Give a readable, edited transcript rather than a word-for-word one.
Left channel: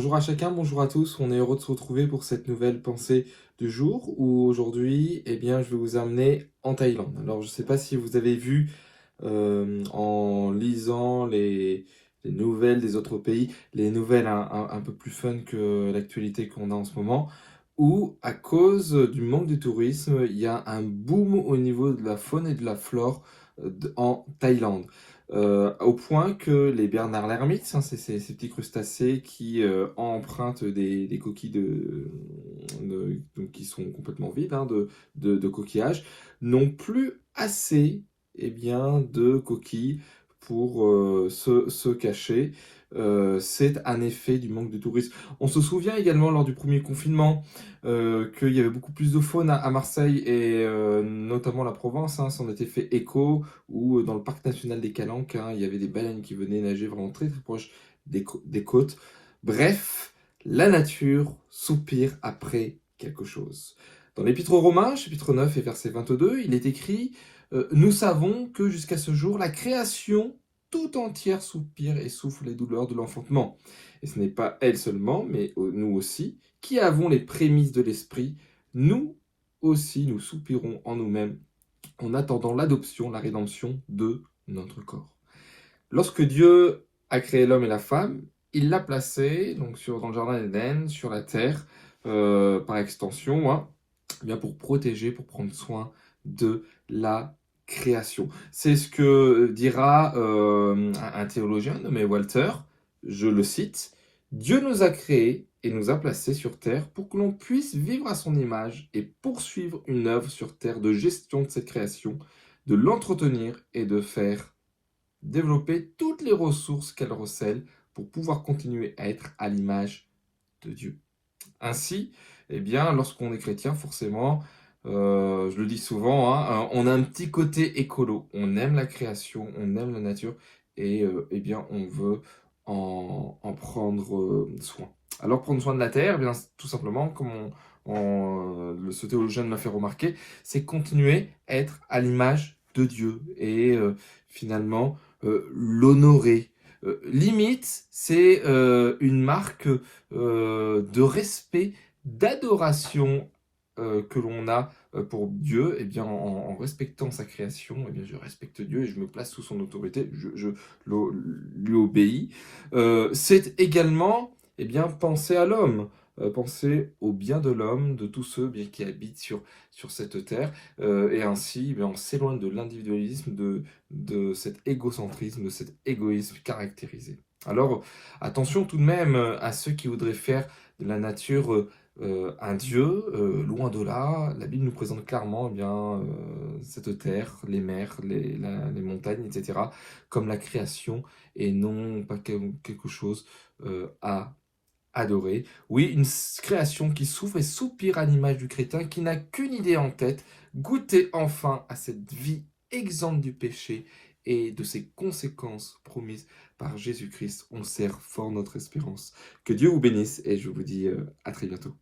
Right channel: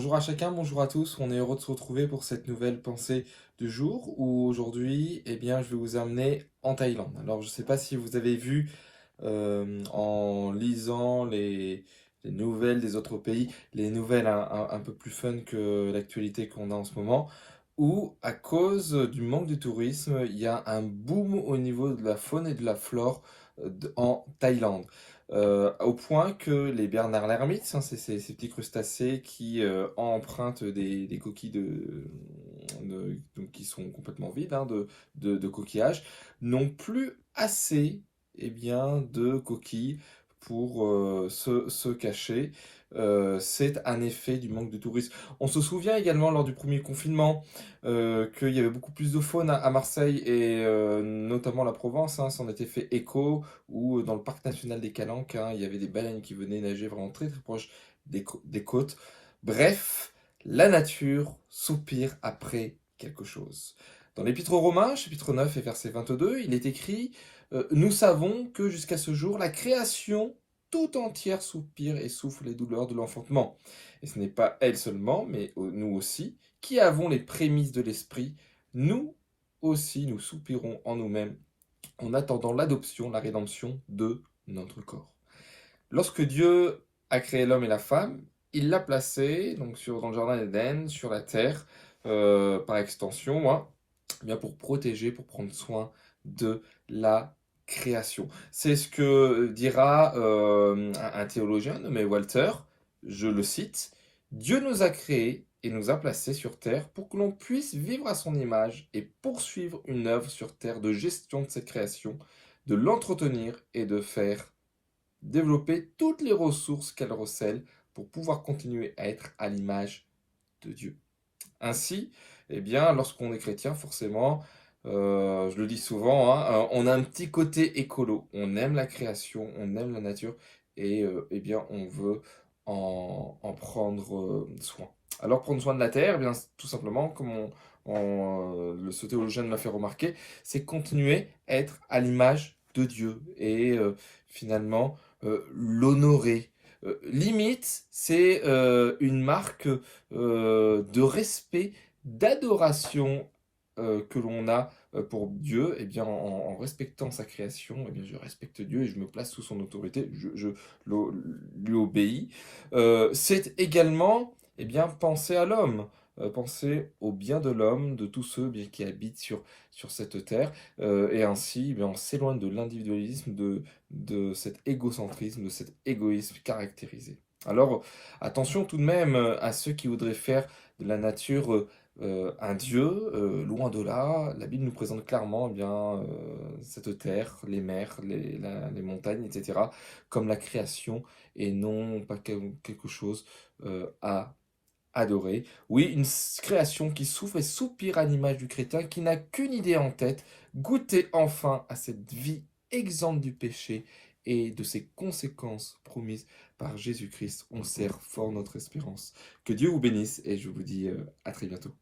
Bonjour à chacun, bonjour à tous. On est heureux de se retrouver pour cette nouvelle pensée du jour où aujourd'hui, je vais vous amener en Thaïlande. Alors, je ne sais pas si vous avez vu en lisant les nouvelles des autres pays, les nouvelles un peu plus fun que l'actualité qu'on a en ce moment, où à cause du manque de tourisme, il y a un boom au niveau de la faune et de la flore en Thaïlande. Au point que les Bernard l'ermite, hein, c'est ces petits crustacés qui empruntent des coquilles donc qui sont complètement vides de coquillages, n'ont plus assez de coquilles pour se cacher. C'est un effet du manque de tourisme. On se souvient également lors du premier confinement qu'il y avait beaucoup plus de faune à Marseille et notamment la Provence, hein, s'en était fait écho, ou dans le parc national des Calanques, hein, il y avait des baleines qui venaient nager vraiment très très proche des côtes. Bref, la nature soupire après quelque chose. Dans l'Épître aux Romains, chapitre 9 et verset 22, il est écrit nous savons que jusqu'à ce jour, la création tout entière soupire et souffre les douleurs de l'enfantement. Et ce n'est pas elle seulement, mais nous aussi, qui avons les prémices de l'esprit, nous aussi nous soupirons en nous-mêmes en attendant l'adoption, la rédemption de notre corps. Lorsque Dieu a créé l'homme et la femme, il l'a placé dans le jardin d'Éden, sur la terre, par extension, hein, pour protéger, pour prendre soin de la création. C'est ce que dira un théologien nommé Walter, je le cite, Dieu nous a créés et nous a placés sur terre pour que l'on puisse vivre à son image et poursuivre une œuvre sur terre de gestion de cette création, de l'entretenir et de faire développer toutes les ressources qu'elle recèle pour pouvoir continuer à être à l'image de Dieu. Ainsi, lorsqu'on est chrétien, forcément, je le dis souvent, hein, on a un petit côté écolo. On aime la création, on aime la nature et on veut en prendre soin. Alors, prendre soin de la terre, tout simplement, comme ce théologien me l'a fait remarquer, c'est continuer à être à l'image de Dieu et finalement l'honorer. Limite, c'est une marque de respect, d'adoration que l'on a pour Dieu, en respectant sa création, je respecte Dieu et je me place sous son autorité, lui obéis. C'est également penser à l'homme, penser au bien de l'homme, de tous ceux qui habitent sur cette terre, et ainsi on s'éloigne de l'individualisme, de cet égocentrisme, de cet égoïsme caractérisé. Alors, attention tout de même à ceux qui voudraient faire de la nature un dieu, loin de là. La Bible nous présente clairement cette terre, les mers, les montagnes, etc., comme la création et non pas quelque chose à adorer. Oui, une création qui souffre et soupire à l'image du chrétien qui n'a qu'une idée en tête, goûter enfin à cette vie exempte du péché et de ses conséquences promises par Jésus-Christ. On serre fort notre espérance. Que Dieu vous bénisse et je vous dis à très bientôt.